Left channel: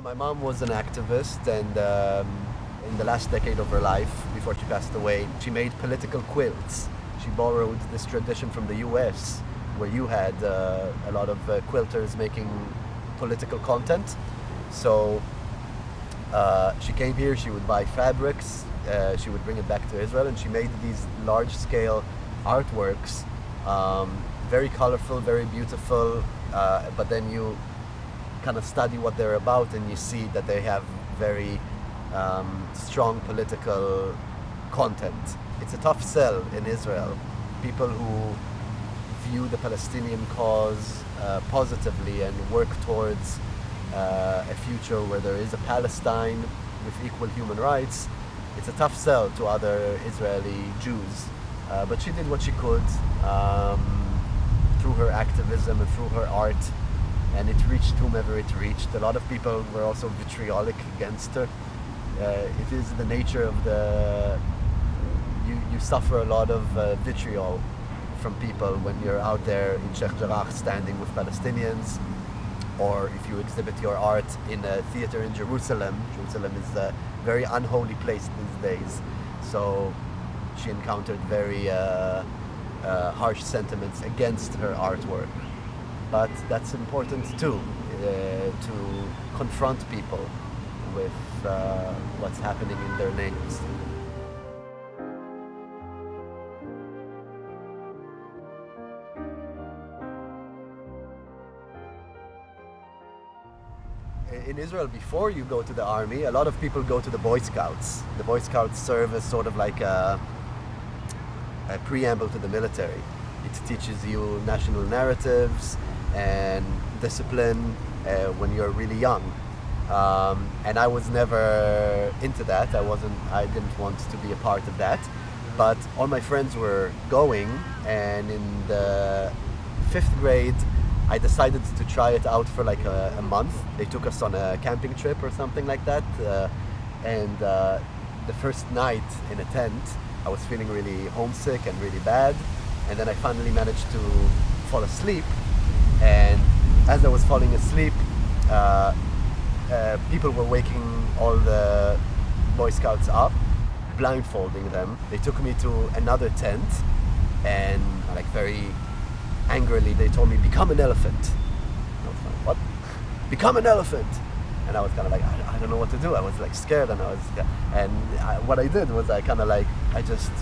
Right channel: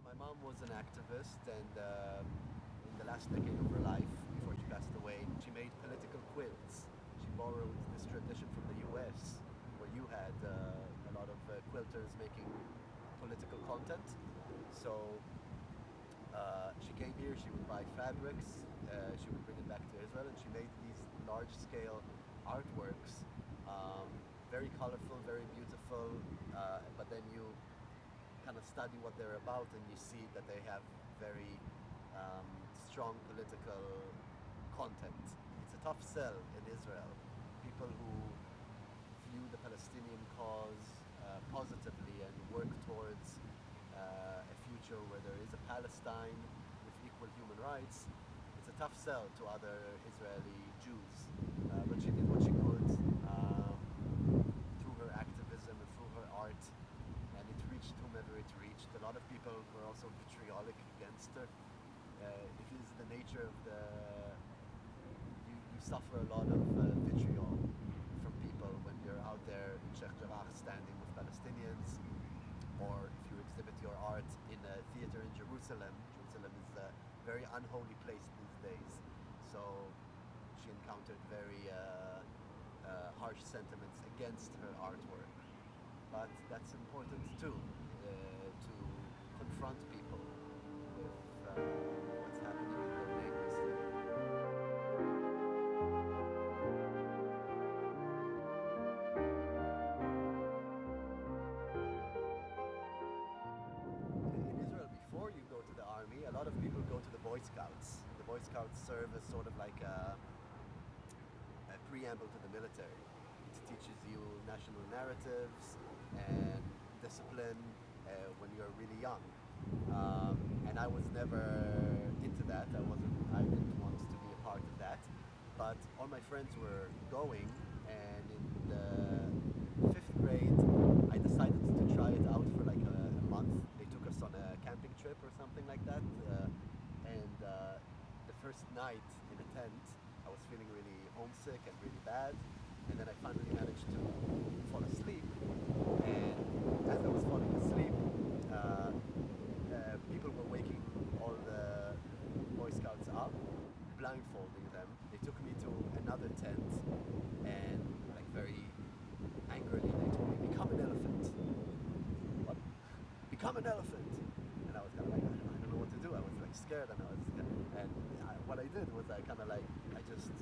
Yeah, my mom was an activist, and in the last decade of her life, before she passed away, she made political quilts. She borrowed this tradition from the US, where you had a lot of quilters making political content. So she came here, she would buy fabrics, she would bring it back to Israel, and she made these large-scale artworks, very colorful, very beautiful, but then you kind of study what they're about and you see that they have very strong political content. It's a tough sell in Israel. People who view the Palestinian cause positively and work towards a future where there is a Palestine with equal human rights, it's a tough sell to other Israeli Jews. But she did what she could through her activism and through her art, and it reached whomever it reached. A lot of people were also vitriolic against her. It is the nature of you suffer a lot of vitriol from people when you're out there in Sheikh Jarrah standing with Palestinians, or if you exhibit your art in a theater in Jerusalem. Jerusalem is a very unholy place these days. So she encountered very harsh sentiments against her artwork. But that's important too, to confront people with what's happening in their names. In Israel, before you go to the army, a lot of people go to the Boy Scouts. The Boy Scouts serve as sort of like a preamble to the military. It teaches you national narratives and discipline when you're really young. And I was never into that. I didn't want to be a part of that. But all my friends were going, and in the 5th grade, I decided to try it out for like a month. They took us on a camping trip or something like that. And the first night in a tent, I was feeling really homesick and really bad. And then I finally managed to fall asleep. And as I was falling asleep, people were waking all the Boy Scouts up, blindfolding them. They took me to another tent, and like very angrily they told me, "Become an elephant." I was like, "What? Become an elephant?" And I was kind of like, I don't know what to do. I was like scared, and what I did was I just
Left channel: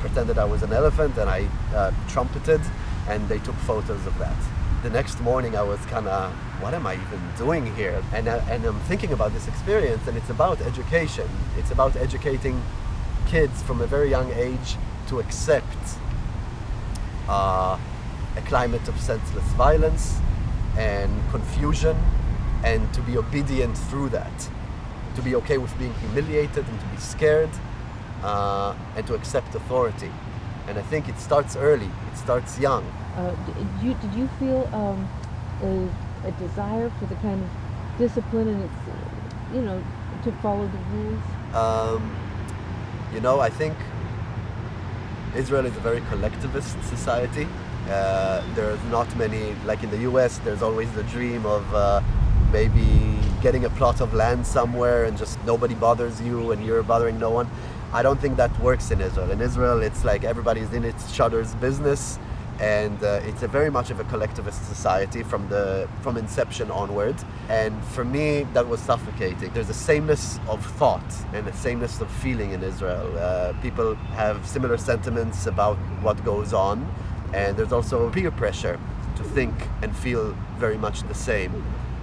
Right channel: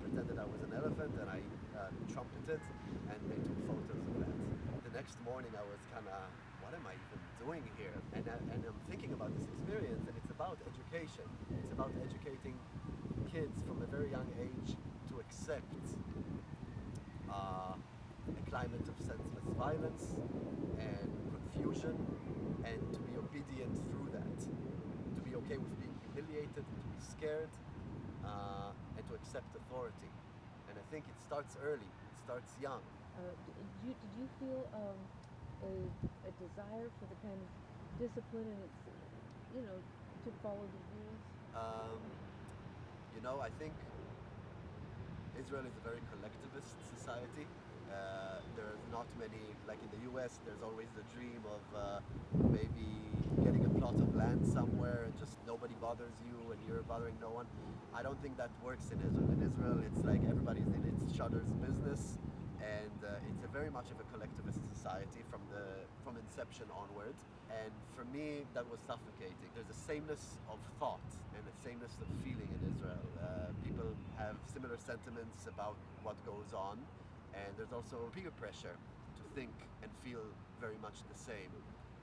pretended I was an elephant, and I trumpeted, and they took photos of that. The next morning I was kind of, what am I even doing here? And I'm thinking about this experience, and it's about education. It's about educating kids from a very young age to accept a climate of senseless violence and confusion, and to be obedient through that. To be okay with being humiliated and to be scared, and to accept authority. And I think it starts early, it starts young. Did you feel a desire for the kind of discipline and to follow the rules? I think Israel is a very collectivist society. There's not many, like in the US, there's always the dream of maybe getting a plot of land somewhere and just nobody bothers you and you're bothering no one. I don't think that works in Israel. In Israel, it's like everybody's in each other's business, and it's a very much of a collectivist society from inception onward. And for me, that was suffocating. There's a sameness of thought and a sameness of feeling in Israel. People have similar sentiments about what goes on, and there's also peer pressure to think and feel very much the same.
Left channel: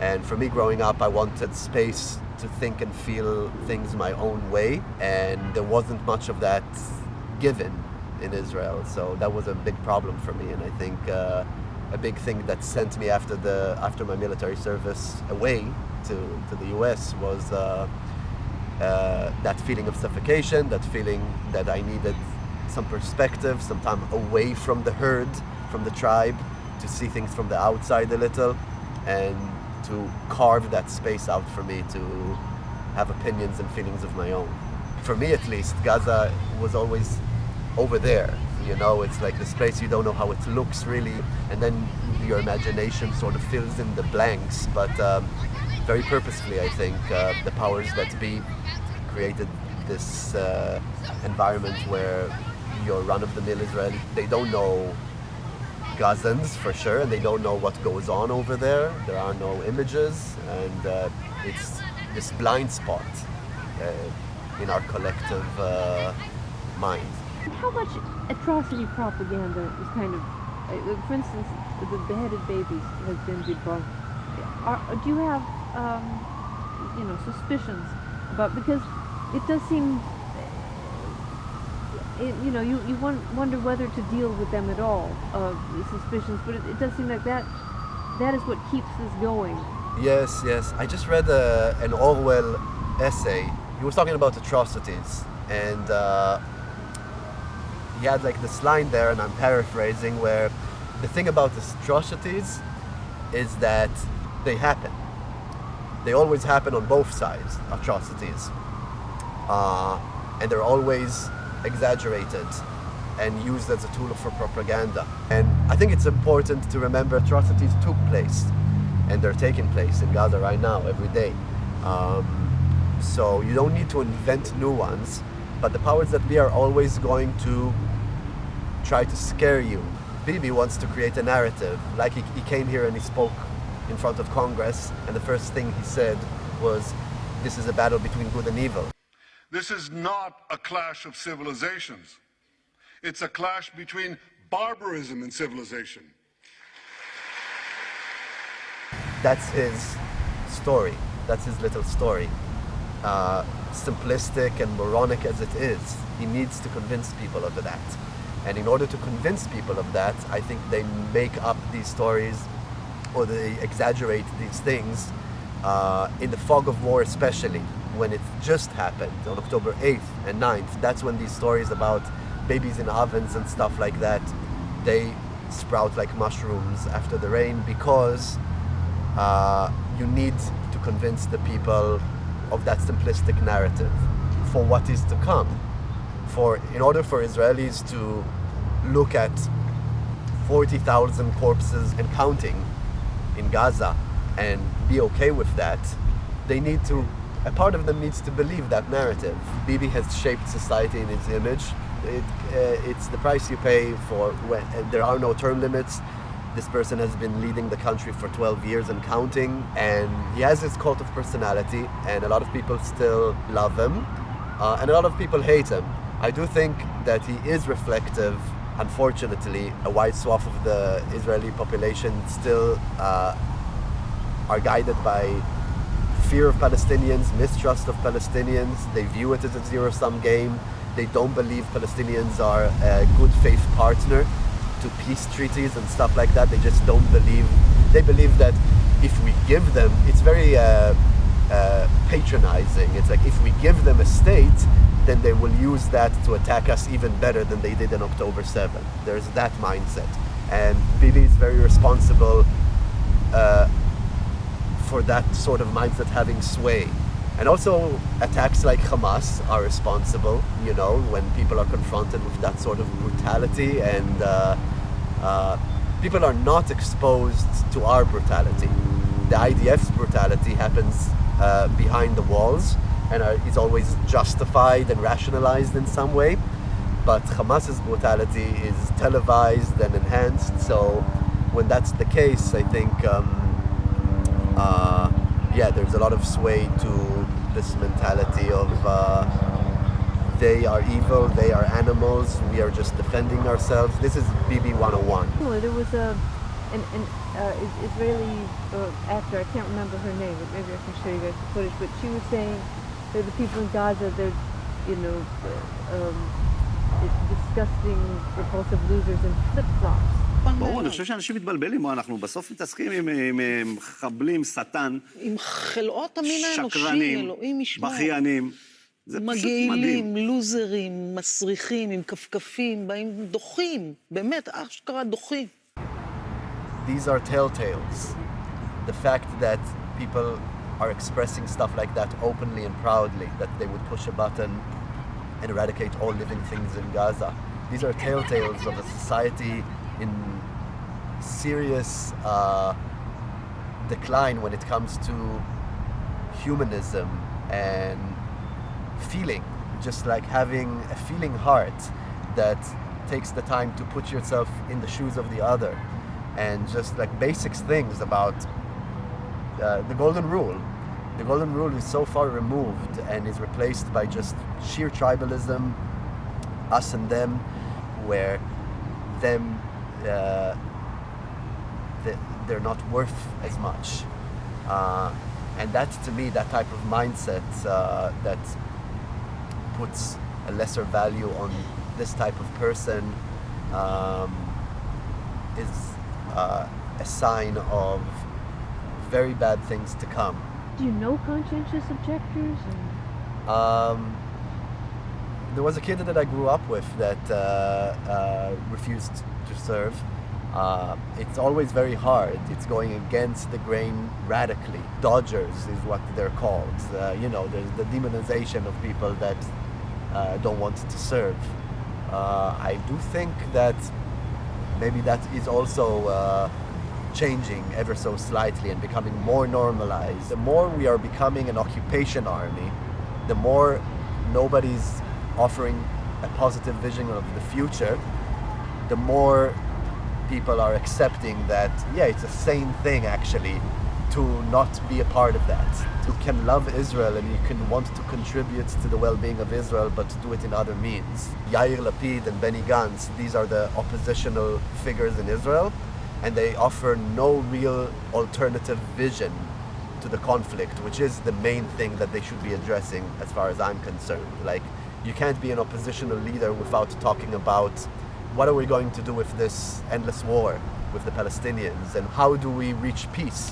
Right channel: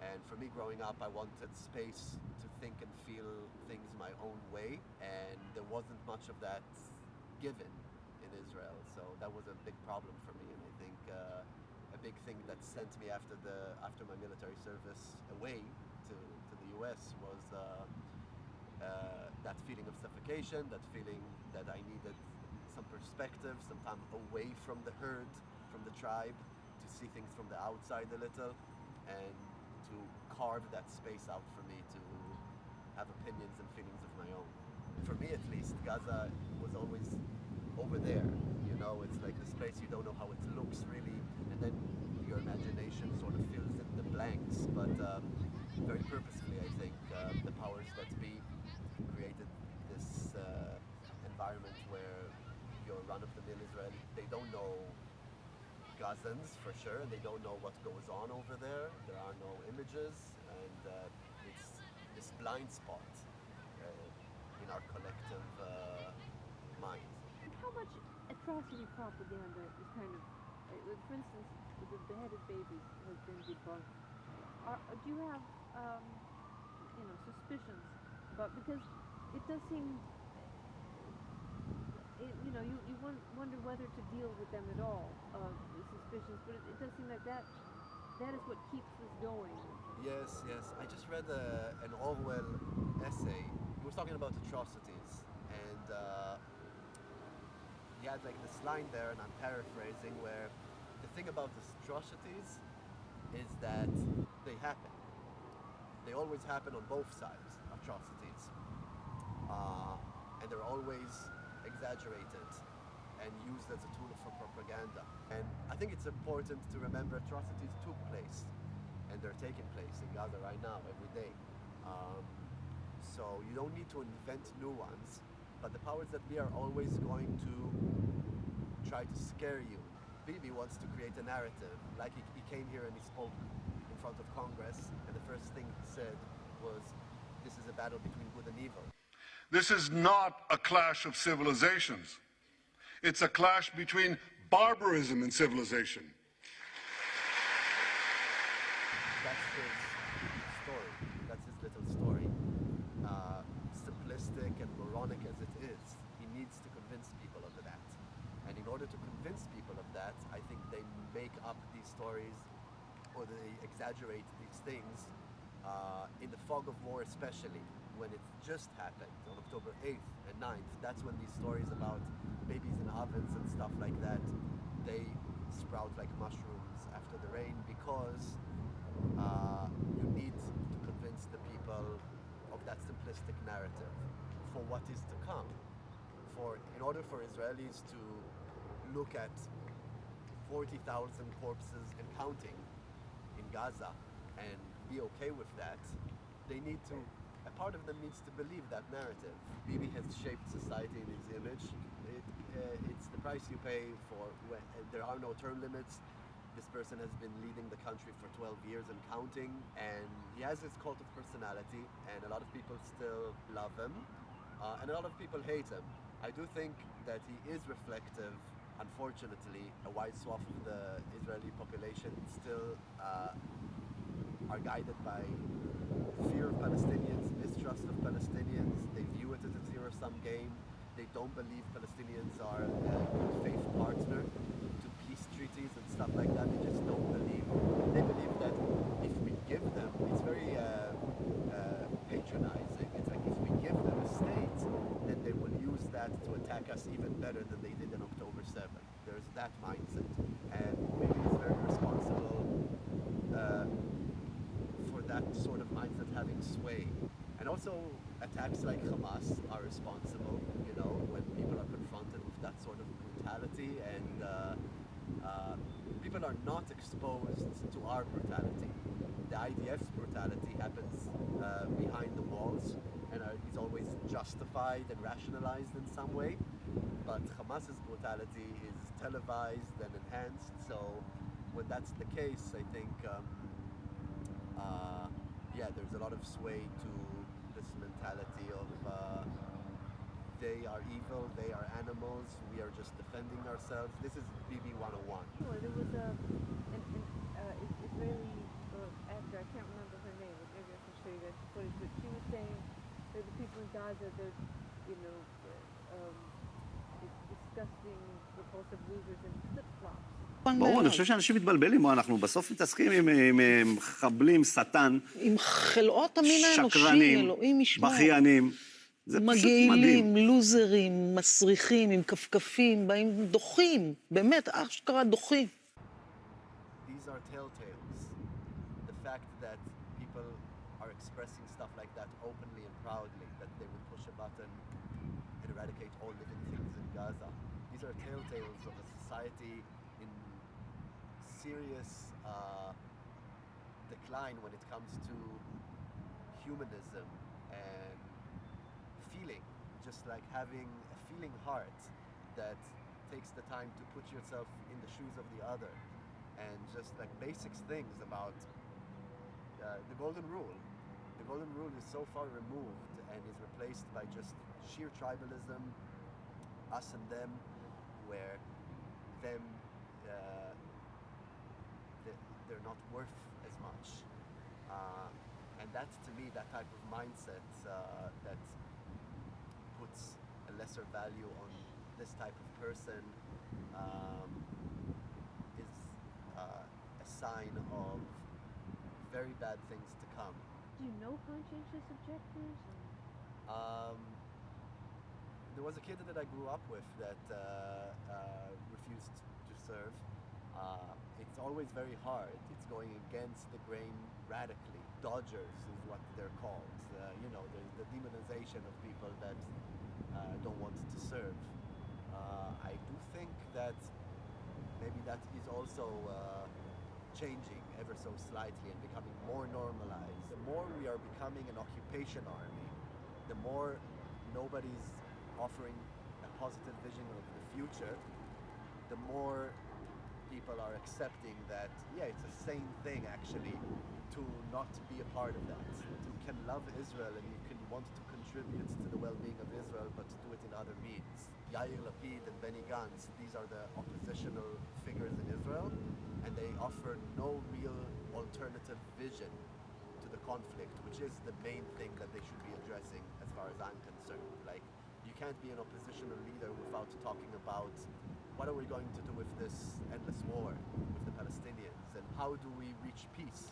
And for me, growing up, I wanted space to think and feel things my own way, and there wasn't much of that given in Israel. So that was a big problem for me, and I think a big thing that sent me after my military service away to the US was that feeling of suffocation, that feeling that I needed some perspective, some time away from the herd, from the tribe, to see things from the outside a little, and to carve that space out for me to have opinions and feelings of my own. For me at least, Gaza was always over there. It's like this place you don't know how it looks really, and then your imagination sort of fills in the blanks. But very purposefully, I think, the powers that be created this environment where your run-of-the-mill Israeli, they don't know Gazans for sure, and they don't know what goes on over there. There are no images, and it's this blind spot in our collective mind. How much atrocity propaganda is kind of, for instance, the beheaded babies has been debunked. Do you have, suspicions about, because it does seem, you wonder whether to deal with them at all, the suspicions, but it does seem like that is what keeps this going. Yes. I just read an Orwell essay. He was talking about atrocities, and he had like this line there, and I'm paraphrasing, where the thing about atrocities is that they happen. They always happen on both sides, atrocities. And they're always exaggerated and used as a tool for propaganda. And I think it's important to remember atrocities took place, and they're taking place in Gaza right now, every day. So you don't need to invent new ones, but the powers that be are always going to try to scare you. Bibi wants to create a narrative. Like he came here and he spoke in front of Congress, and the first thing he said was, this is a battle between good and evil. This is not a clash of civilizations. It's a clash between barbarism and civilization. That's his story. That's his little story. Simplistic and moronic as it is, he needs to convince people of that. And in order to convince people of that, I think they make up these stories, or they exaggerate these things in the fog of war, especially when it just happened on October 8th and 9th. That's when these stories about babies in ovens and stuff like that, they sprout like mushrooms after the rain, because you need to convince the people of that simplistic narrative for what is to come. In order for Israelis to look at 40,000 corpses and counting in Gaza and be okay with that, a part of them needs to believe that narrative. Bibi has shaped society in his image. It's the price you pay for when there are no term limits. This person has been leading the country for 12 years and counting, and he has his cult of personality, and a lot of people still love him, and a lot of people hate him. I do think that he is reflective. Unfortunately, a wide swath of the Israeli population still are guided by fear of Palestinians, mistrust of Palestinians. They view it as a zero-sum game. They don't believe Palestinians are a good faith partner to peace treaties and stuff like that. They just don't believe. They believe that if we give them, it's very patronizing. It's like, if we give them a state, then they will use that to attack us even better than they did on October 7th. There's that mindset. And Bibi is very responsible for that sort of mindset having sway. And also attacks like Hamas are responsible, when people are confronted with that sort of brutality, and people are not exposed to our brutality. The IDF's brutality happens behind the walls, and is always justified and rationalized in some way. But Hamas's brutality is televised and enhanced, so when that's the case, I think there's a lot of sway to this mentality of they are evil, they are animals, we are just defending ourselves. This is BB 101. There was an Israeli actor, I can't remember her name, but maybe I can show you guys the footage, but she was saying that the people in Gaza, they're, disgusting, repulsive losers in flip-flops. ברור, אני חושב שאנשים מתבלבלים, אנחנו בסוף מתעסקים עם מחבלים, שטן, עם חלאות המין האנושי, אלוהים ישמור. בכיינים. זה פשוט מדהים. מגעילים, לוזרים, מסריחים, עם כפכפים, באים דוחים, באמת, אשכרה דוחים. These are telltales. The fact that people are expressing stuff like that openly and proudly, that they would push a button and eradicate all living things in Gaza. These are telltales of a society in serious decline when it comes to humanism and feeling, just like having a feeling heart that takes the time to put yourself in the shoes of the other, and just like basic things about the golden rule. The golden rule is so far removed and is replaced by just sheer tribalism, us and them, where them they're not worth as much. And that, to me, that type of mindset that puts a lesser value on this type of person is a sign of very bad things to come. Do you know conscientious objectors? There was a kid that I grew up with that refused to serve. It's always very hard. It's going against the grain radically. Dodgers is what they're called. There's the demonization of people that don't want to serve. I do think that maybe that is also changing ever so slightly and becoming more normalized. The more we are becoming an occupation army, the more nobody's offering a positive vision of the future, the more people are accepting that, yeah, it's a sane thing actually to not be a part of that. You can love Israel and you can want to contribute to the well-being of Israel, but to do it in other means. Yair Lapid and Benny Gantz, these are the oppositional figures in Israel, and they offer no real alternative vision to the conflict, which is the main thing that they should be addressing as far as I'm concerned. Like, you can't be an oppositional leader without talking about what are we going to do with this endless war with the Palestinians, and how do we reach peace,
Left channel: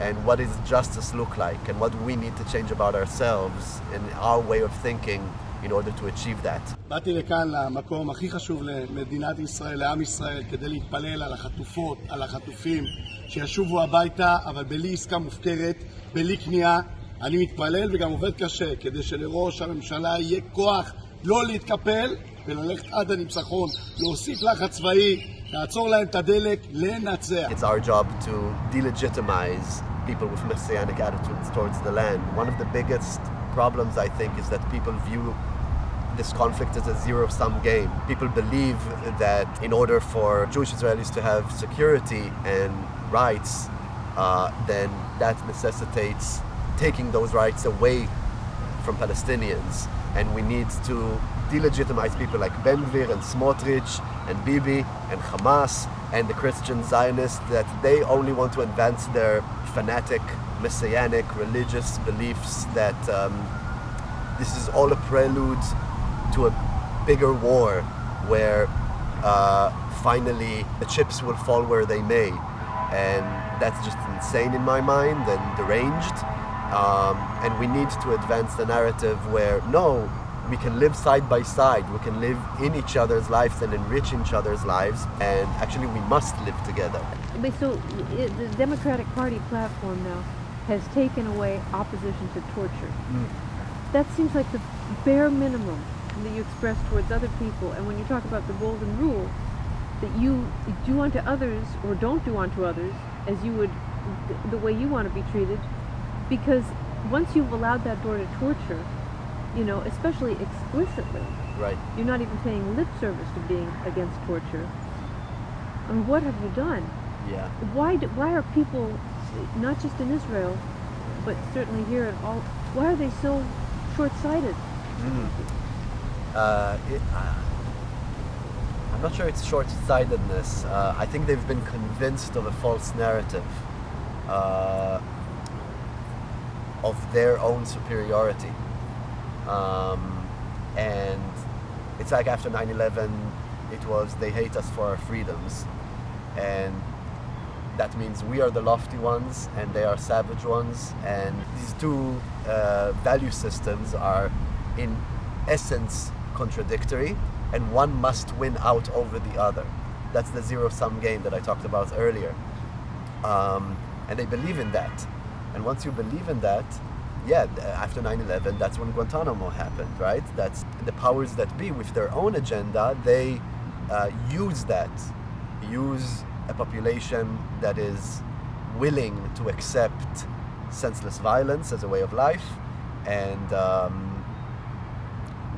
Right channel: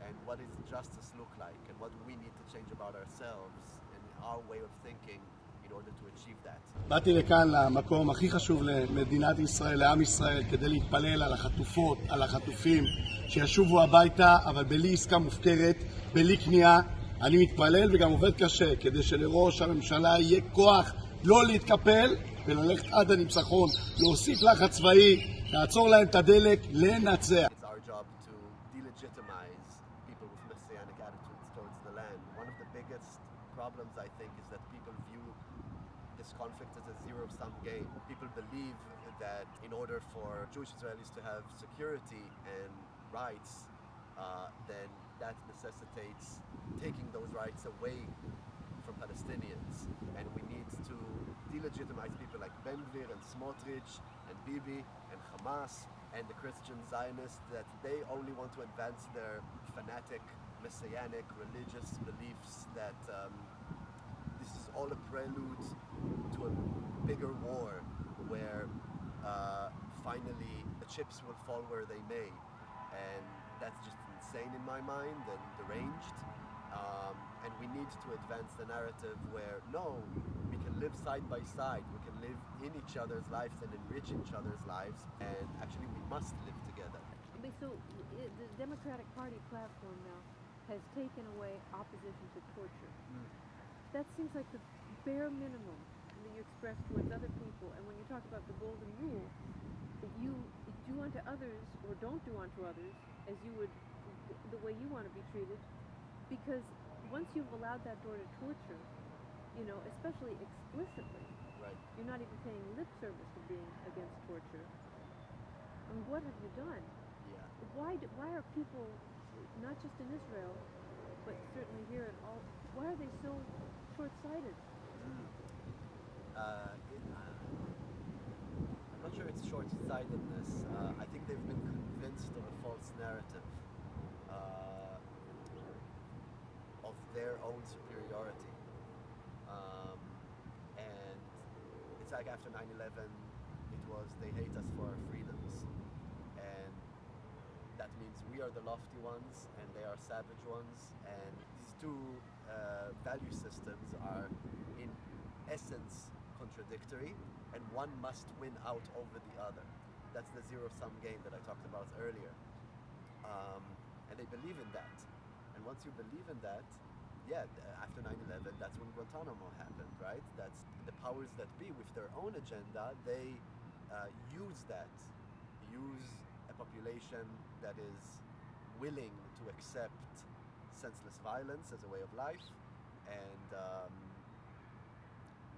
and what does justice look like, and what do we need to change about ourselves and our way of thinking in order to achieve that. באתי לכאן למקום הכי חשוב למדינת ישראל, לעם ישראל, כדי להתפלל על החטופות, על החטופים, שישובו הביתה, אבל בלי עסקה מופקרת, בלי כניעה. אני מתפלל וגם עובד קשה, כדי שלראש הממשלה יהיה כוח לא להתקפל, וללכת עד הניצחון, להוסיף לחץ צבאי, לעצור להם את הדלק, לנצח. It's our job to delegitimize people with messianic attitudes towards the land. One of the biggest problems, I think, is that people view this conflict as a zero-sum game. People believe that in order for Jewish Israelis to have security and rights, then that necessitates taking those rights away from Palestinians. And we need to delegitimize people like Ben Gvir and Smotrich and Bibi and Hamas and the Christian Zionists, that they only want to advance their fanatic, messianic, religious beliefs, that this is all a prelude to a bigger war where finally the chips will fall where they may. And that's just insane in my mind and deranged. And we need to advance the narrative where, no, we can live side by side, we can live in each other's lives and enrich each other's lives, and actually we must live together. But so the Democratic Party platform now has taken away opposition to torture. That seems like the bare minimum that you express towards other people. And when you talk about the golden rule, that you do unto others or don't do unto others as you would, the way you want to be treated, because once you've allowed that door to torture, especially explicitly, Right. you're not even paying lip service to being against torture. I mean, what have you done? Yeah. Why are people, not just in Israel, but certainly here at all, why are they so short-sighted? I'm not sure it's short-sightedness. I think they've been convinced of a false narrative of their own superiority. And it's like after 9/11, it was they hate us for our freedoms. And that means we are the lofty ones and they are savage ones. And these two value systems are in essence contradictory, and one must win out over the other. That's the zero-sum game that I talked about earlier. And they believe in that. And once you believe in that, yeah, after 9/11, that's when Guantanamo happened, right? That's the powers that be with their own agenda. They use a population that is willing to accept senseless violence as a way of life, and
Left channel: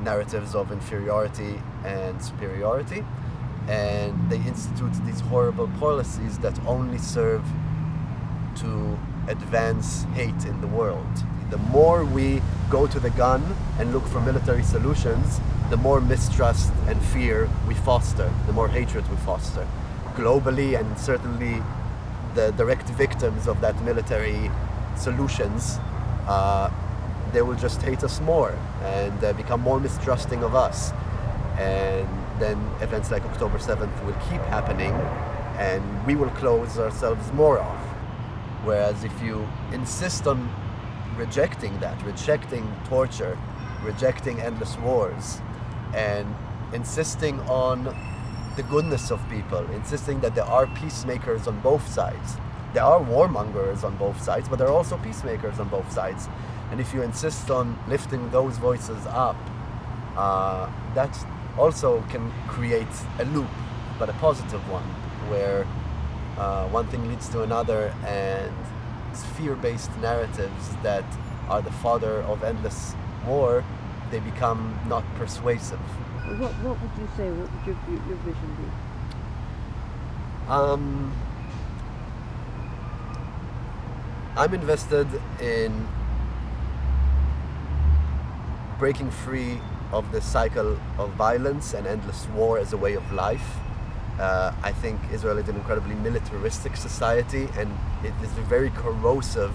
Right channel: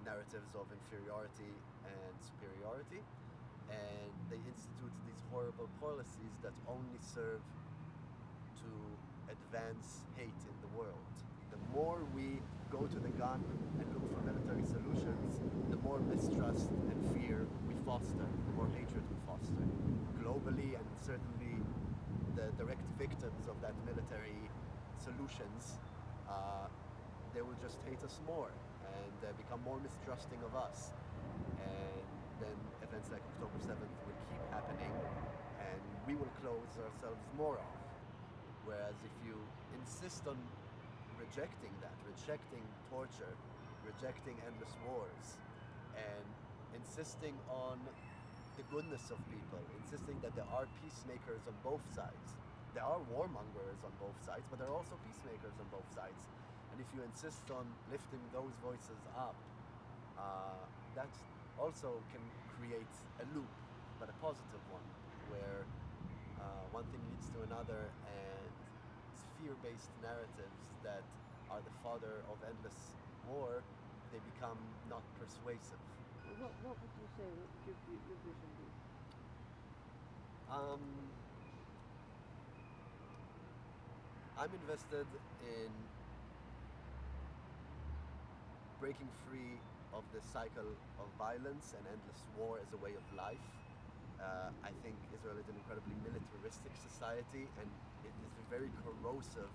narratives of inferiority and superiority, and they institute these horrible policies that only serve to advance hate in the world. The more we go to the gun and look for military solutions, the more mistrust and fear we foster, the more hatred we foster. Globally, and certainly the direct victims of that military solutions, they will just hate us more and become more mistrusting of us. And then events like October 7th will keep happening, and we will close ourselves more off. Whereas if you insist on rejecting that, rejecting torture, rejecting endless wars, and insisting on the goodness of people, insisting that there are peacemakers on both sides. There are warmongers on both sides, but there are also peacemakers on both sides. And if you insist on lifting those voices up, that also can create a loop, but a positive one, where one thing leads to another, and fear-based narratives that are the father of endless war, they become not persuasive. What would you say? What would your vision be? I'm invested in breaking free of the cycle of violence and endless war as a way of life. I think Israel is an incredibly militaristic society, and it is very corrosive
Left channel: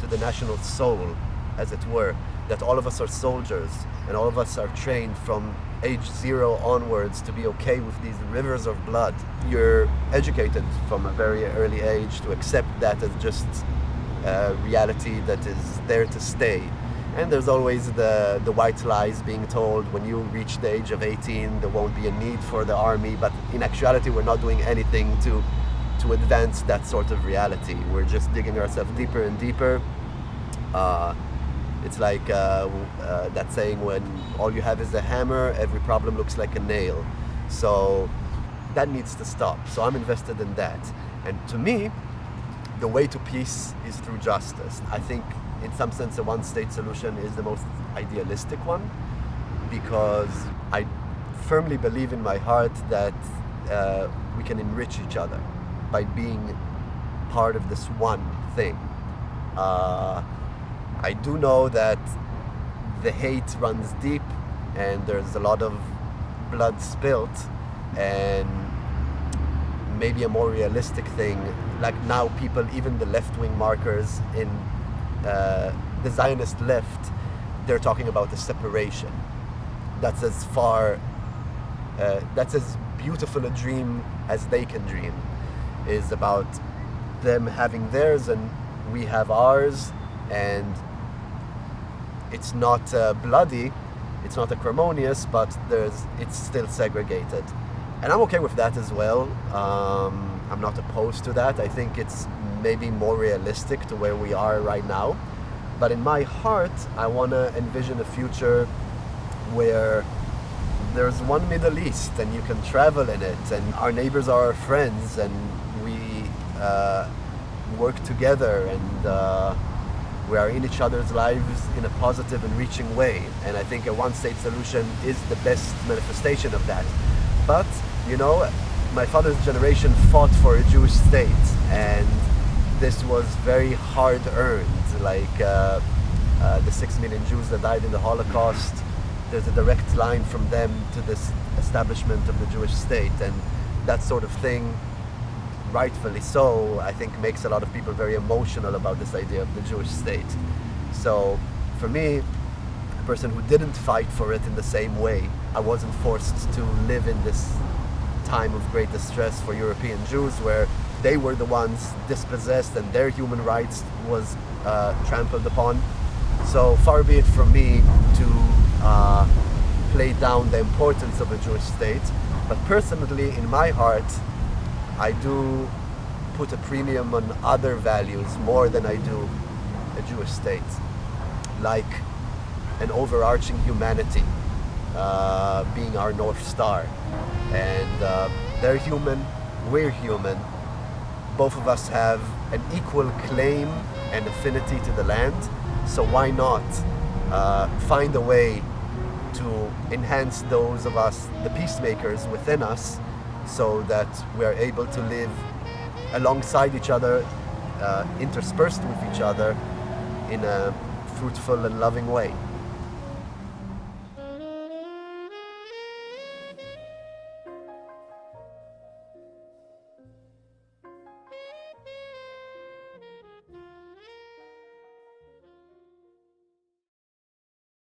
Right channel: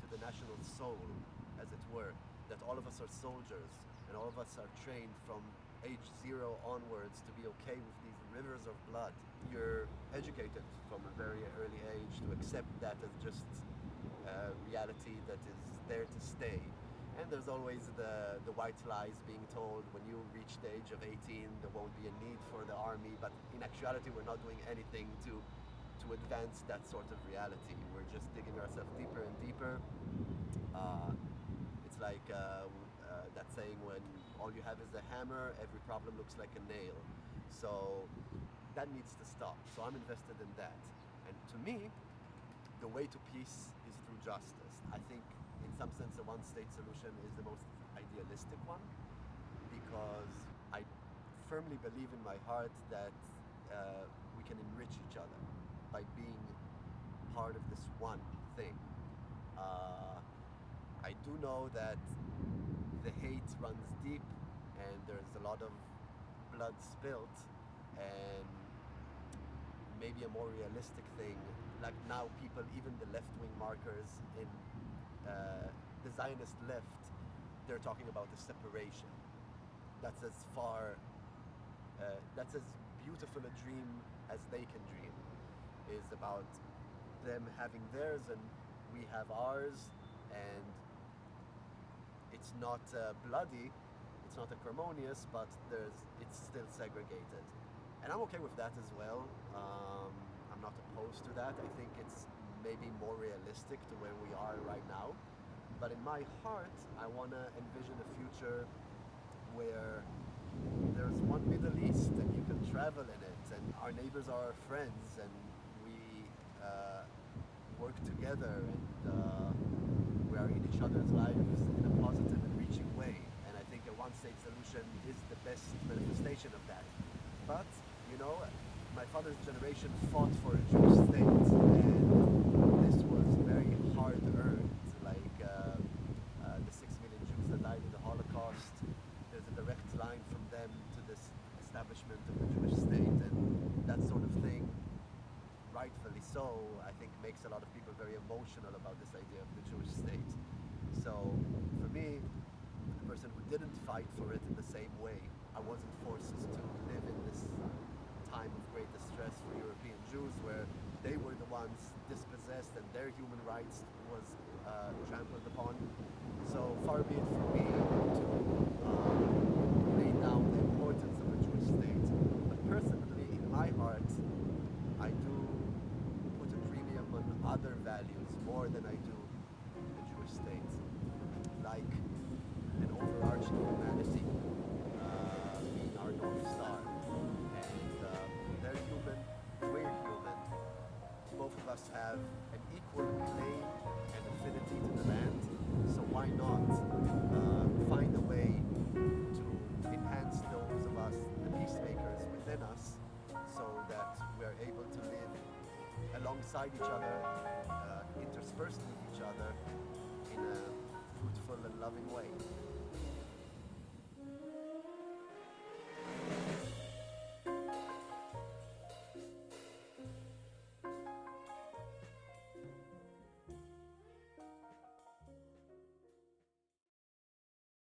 to the national soul, as it were, that all of us are soldiers and all of us are trained from age 0 onwards to be okay with these rivers of blood. You're educated from a very early age to accept that as just reality that is there to stay. And there's always the white lies being told: when you reach the age of 18, there won't be a need for the army. But in actuality, we're not doing anything to advance that sort of reality. We're just digging ourselves deeper and deeper. It's like that saying, when all you have is a hammer, every problem looks like a nail. So that needs to stop. So I'm invested in that. And to me, the way to peace is through justice. I think in some sense a one-state solution is the most idealistic one, because I firmly believe in my heart that we can enrich each other by being part of this one thing. I do know that the hate runs deep and there's a lot of blood spilt, and maybe a more realistic thing, like now people, even the left-wing markers in the Zionist left, they're talking about a separation. That's as far, that's as beautiful a dream as they can dream, is about them having theirs and we have ours, and it's not bloody, it's not acrimonious, but it's still segregated. And I'm okay with that as well. I'm not opposed to that. I think it's maybe more realistic to where we are right now. But in my heart, I want to envision a future where there's one Middle East and you can travel in it, and our neighbors are our friends, and we work together, and we are in each other's lives in a positive and reaching way. And I think a one-state solution is the best manifestation of that. But, you know, my father's generation fought for a Jewish state, and this was very hard-earned. Like the 6 million Jews that died in the Holocaust, there's a direct line from them to this establishment of the Jewish state, and that sort of thing, rightfully so, I think makes a lot of people very emotional about this idea of the Jewish state. So for me, a person who didn't fight for it in the same way, I wasn't forced to live in this time of great distress for European Jews, where they were the ones dispossessed and their human rights was trampled upon. So far be it from me to play down the importance of a Jewish state, but personally, in my heart, I do put a premium on other values more than I do a Jewish state, like an overarching humanity being our North Star. And they're human, we're human, both of us have an equal claim and affinity to the land, so why not find a way to enhance those of us, the peacemakers within us, so that we're able to live alongside each other, interspersed with each other in a fruitful and loving way.